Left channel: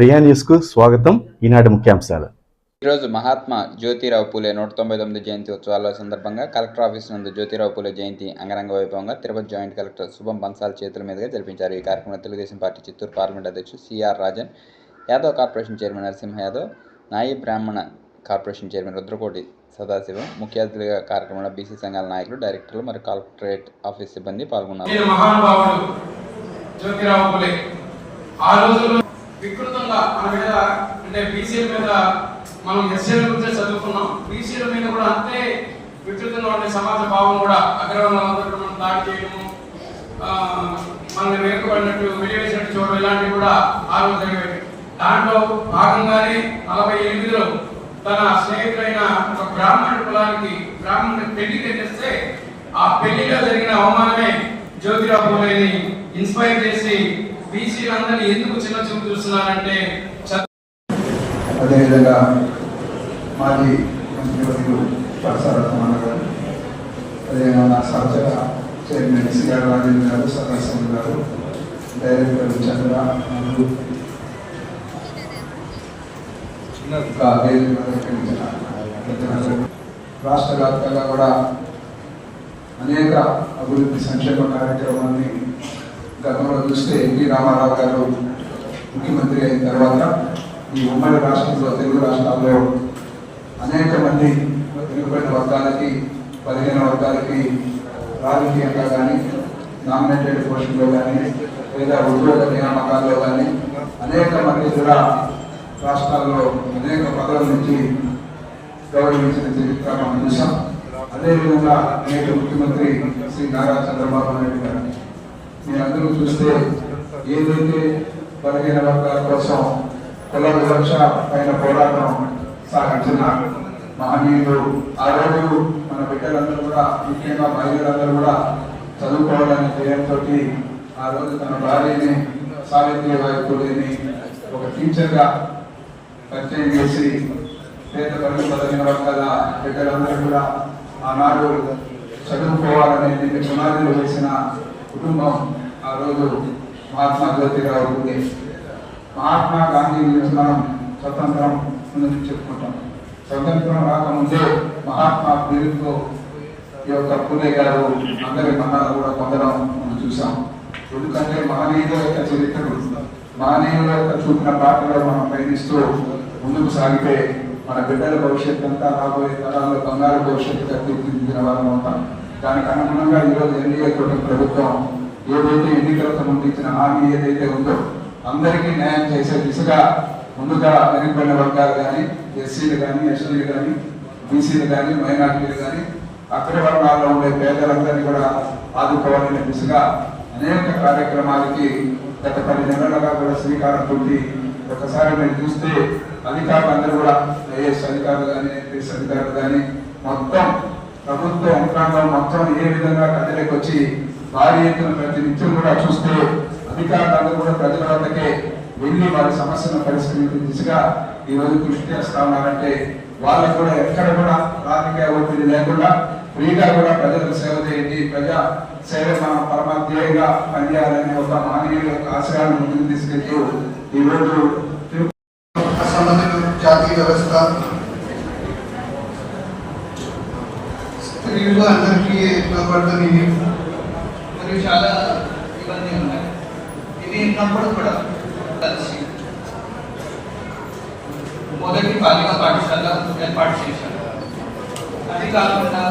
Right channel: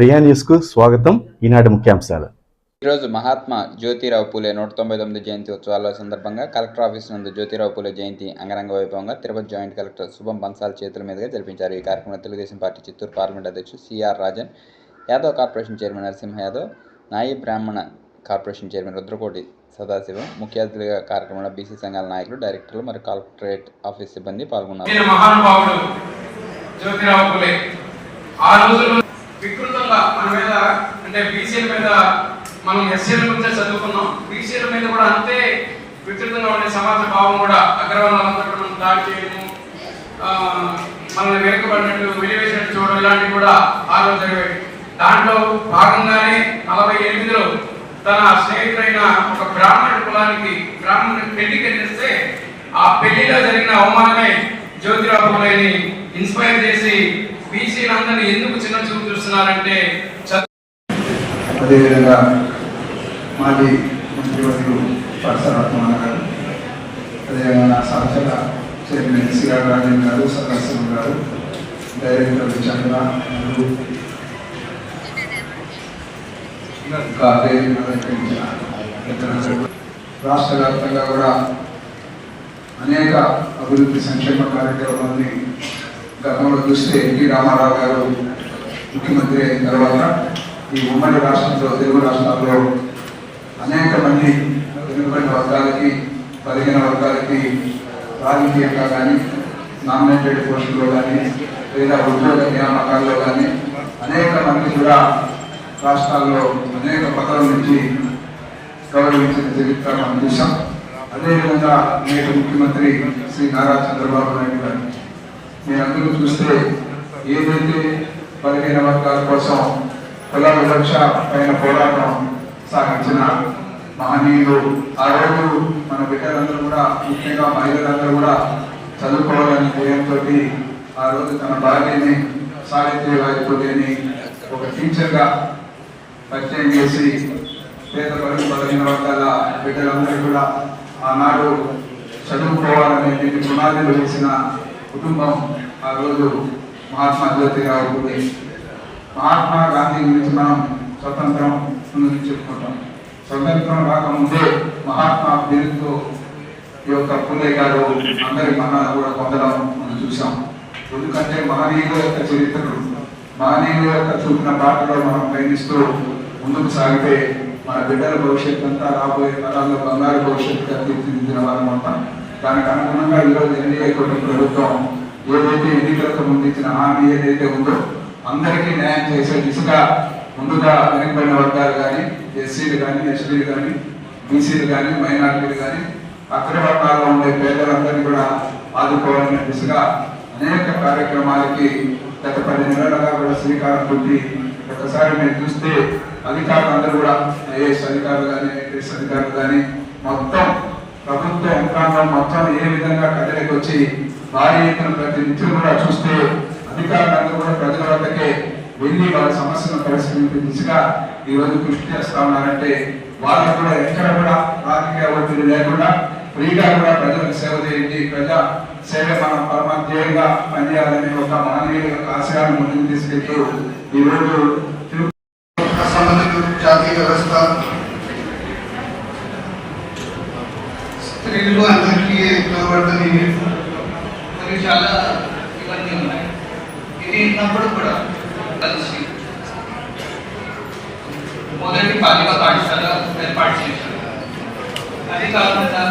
ప్రియా న్యూస్కు స్వాగతం. ఈనాటి ముఖ్యాంశాలు. ఈరోజు మహాత్మా జ్యోతిరావు పూలే నూట తొంభై తొమ్మిది జయంతి ఉత్సవాల సందర్భంగా కలెక్టర్ ఆఫీస్ నందు జ్యోతిరావు పూలే జయంతి అంగరంగ వైభవంగా తిరుపతి జాయింట్ కలెక్టర్ శుభం బన్సాల్ చేతుల మీదుగా జరిపించారు. ఈ కార్యక్రమంలో తెలుగుదేశం పార్టీ చిత్తూరు పార్లమెంట్ అధ్యక్షుడు CR Rajan Yadav corporation chairman Narasimha Yadav Nayi Brahmana corporation chairman Rudrakoti Sadasivam ముఖ్య అతిథిగా కార్యక్రమంలో బీసీ సంఘాల నాయకులు డైరెక్టర్లు మరియు కలెక్టరేట్ ఆఫీస్ సిబ్బంది పాల్గొన్నారు. ఆ వికృతంగా మన మీద అంటే బీసీల మీద మనం ఎస్సీల గురించే చదువుకున్నాం. బీసీల మీద కూడా అంతే వికృతంగా ఉండే సమాజ భావం కూడా అగ్రవర్ణాలంతా కూడా మనం దాడి చేయడము ఆ, మనల్ని వెనుకబడినట్టు వెలివేసినట్టు చూడడం ఇలాంటివి కూడా ఆ రోజు జరిగాయి దాంట్లో భాగంగానే నలభై ఎనిమిదిలో తన స్నేహితుడైన ఒక బ్రాహ్మణ కులానికి బ్రాహ్మణ పెళ్ళికి చేస్తే ఆ పెళ్ళిలో జరిగిన అవమానమే జ్యోతిరావు పూలేని ఇన్స్పైర్ చేసి బీసీలందరినీ ఎందుకు చిన్న చూపు చూస్తున్నారంటే అదేవిధంగా మాజీ ముఖ్యమంత్రి పరసరత్న గారు అదేవిధంగా నా సరసర చైర్మన్ సిఆర్ రాజేంద్ర గారు సదాశివం గారు డైరెక్టర్ చంద్ర మరియు రాష్ట్ర వ్యాప్తంగా కూడా అనేక అభివృద్ధి సంక్షేమ కార్యక్రమాన్ని గతంలో చూస్తే ఎన్టీ రామారావు గారు ముఖ్యమంత్రి అయిన తర్వాత ఈ ఉమ్మడి రాష్ట్రంలో తెలుగు రాష్ట్రాల్లో అనేక మంది వెనుకబడిన వర్గాలకి పదిహేన వర్గాలకి రాజకీయంగా కానీ నామినేటెడ్ పోస్టుల్లో కానీ లేదా ఉద్యోగ నియామకాల్లో కానీ అనేక మంది కూడా రాష్ట్రాల్లో అనేక పదవుల నుంచి గౌరవించిన చరిత్ర మనం చూసాం అదేవిధంగా నేటి ముఖ్యమంత్రి శ్రీ నారా చంద్రబాబు నాయుడు గారు మీరందరూ చూస్తే ఏదైతే బలహీన వర్గాల కోసం కుల వివక్ష పైన పోరాటం సాగించిన మహనీయులు ఆ రోజు మన బిడ్డలందరూ కూడా ముఖ్యంగా మహిళలందరూ కూడా చదువుకోవాలనే ధ్యేయంతో ఆ రోజు తన భార్యని సావిత్రి వాయిపోలేని ఒక టీచర్గా పరిచయం చేసి పేద పనులు బలహీన వర్గాల బిడ్డలందరూ కూడా ఆనాడు చదువుకోవాలనే దీనికి పునాదులు వేసిన కుటుంబం ఆ రోజు మహాత్మా జ్యోతిరావు పూలే మహాత్మా గాంధీ గురించి మనం స్వతంత్రం గురించి చెప్పుకుంటాం. స్వతంత్రం రాకముందే మహాత్మా పేరుతో ఈ యొక్క పూలే గారు అందరి మహాలు కూడా పొందడం మనం చూసాం ఎందుకంటే మహనీయుల యొక్క చరిత్రలు మహనీయుల యొక్క చూపిన పాటలో మనం ప్రయత్నిస్తూ ముందుకు సాగితే మన బిడ్డల భవిష్యత్తు అంతా రాబోయే తరాల్లో బంగారు భవిష్యత్తు తీర్చిదిద్దిన వారం ఉంటాం దానికి అనుగుణంగా ఈరోజు ఎన్డీఏ కూటమి ప్రభుత్వం ఏదైతే ఎన్నికలకు సంబంధించిన హామీ ఏదైతే ఉందో అందరికీ న్యాయం చేసే దిశగా ముందుగా వెనుకబడిన వర్గాలు కానీ ఎస్సీలు కానీ ఎస్టీలు కానీ బీసీలు కానీ మైనార్టీలు కానీ అగ్ర వర్గాల్లో ఉండే పేదలందరినీ కూడా ఆదుకోవాలనే దిశగా అనేక కార్యక్రమాలకి గత పది నెలలుగా కూడా శ్రీకారం చుట్టి ఒకసారి మీరు చూస్తే అధికారులు అందరూ కూడా ఐఏఎస్ అధికారులు కానీ ఐపీఎస్ అధికారులు కానీ మొత్తం ప్రభుత్వ యంత్రాంగం మొత్తం ఏ విధంగా కదలికి వచ్చి భారీ ఎత్తున ప్రతి నిత్యం కూడా చూస్తే అధికారులందరూ కూడా ప్రజల వద్దకే వెళ్ళి వారి సమస్యను పరిష్కరించే దిశగా ఈ రోజు కృషి చేస్తా ఉన్నారంటే వాళ్ళు కూడా ఎక్కడ కూడా రాజకీయ ఒత్తిడి లేకుండా ఫ్రీగా కూడా ప్రజలకు సేవ చేయండి. ప్రజా సేవ మనం పరమాధ్యేయంగా పనిచేయాలనే ఒక మానవీయ ఆశయాన్ని ముందుకు తీసుకెళ్తూ ఈరోజు స్త్రీలు అందరికీ లోబడదని మరి చాలా ఇవన్నీ ఉన్నాయి ఇది ఉన్నప్పుడు కూడా కలిసి మొదటి బాలిక పాఠశాల ఏర్పాటు చేశారు అది కాకుండా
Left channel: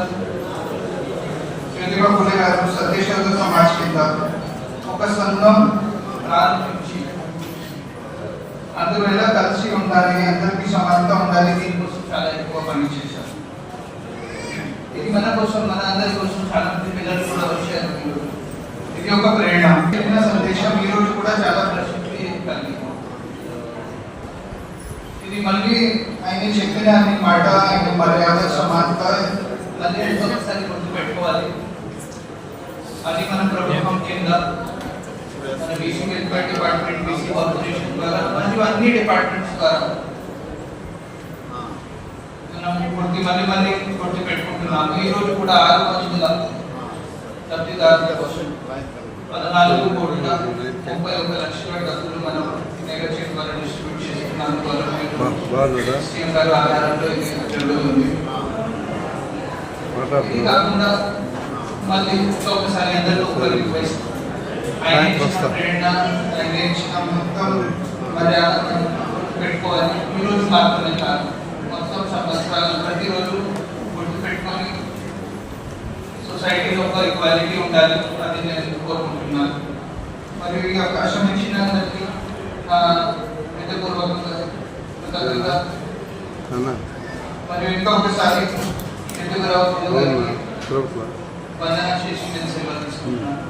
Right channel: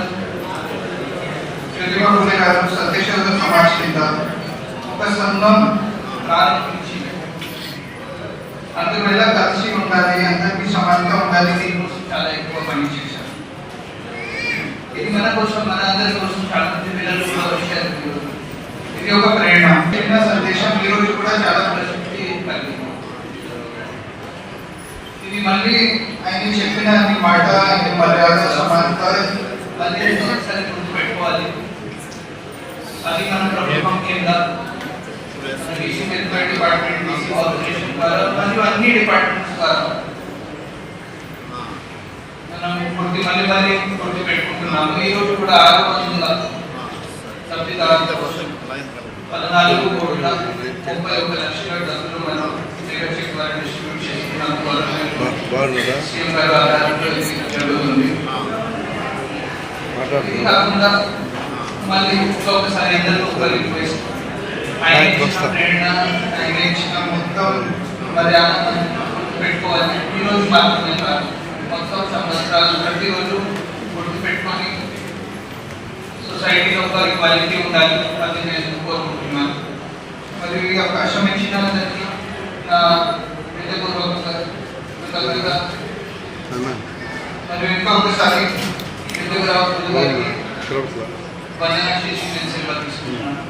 జ్యోతిబాబు గారు సత్యశోధ సమాజ్ కింద ఒక సంఘం ప్రారంభించి అందువల్ల కలిసి ఉండాలి అందరికీ సమానంగా ఉండాలి దీనికోసం చాలా ఎక్కువ పని చేశారు ఇది మన కోసం మన అందరి కోసం చాలా మంది పిల్లలు కూడా వచ్చారు ఇది ఒక ప్రేరణ చిన్న సందేశం ఈ రోజు కూడా చాలా ప్రసిద్ధి కలిగి ఇది మళ్ళీ ఆయన చెప్పిన అన్ని మాట ఆయన మర్యాద సమానత అన్ని ఒకసారి గుర్తు పెట్టుకోవాలి అది మన ప్రభుత్వం కింద BC welfare department BC corporation ద్వారా మరియు అన్ని డిపార్ట్మెంట్స్ ద్వారా మనం పూర్తి మళ్ళీ మళ్ళీ పూర్తి పెట్టుకుంటున్నాము ఈ రోజు కూడా ఆరు వందల కోసం పద్నాలుగు కోట్ల ముప్పై ఒక లక్షల డబ్బులు మనం నెగోషియేట్ ద్వారా డిస్ట్రిబ్యూట్ ఇస్తున్నందుకు సీఎం గారు ఆధారంలో ఇది జరుగుతుంది. ఇది కాకుండా మళ్ళీ ఇంకొకసారి ఇద్దరు ఒక రిక్వెస్ట్ ఆయన ఇచ్చిన ప్రేరణ ఆయన ఇచ్చిన మొత్తం మర్యాద మనం పెట్టుకోవాలి. ఈ రోజు మాత్రమే కాదు మొత్తం సంవత్సరాలు సొసైటీలో ఒక ఈక్వాలిటీ ఉండాలి అది నేను కోరుకుంటున్నాను. మరియు ఈ అవకాశం ఇచ్చిన హృదయపూర్వకంగా కృతజ్ఞత మరియు ఇంకా ఒకసారి వందనాశీస్సు నేను సెలవు తీసుకుంటున్నాను.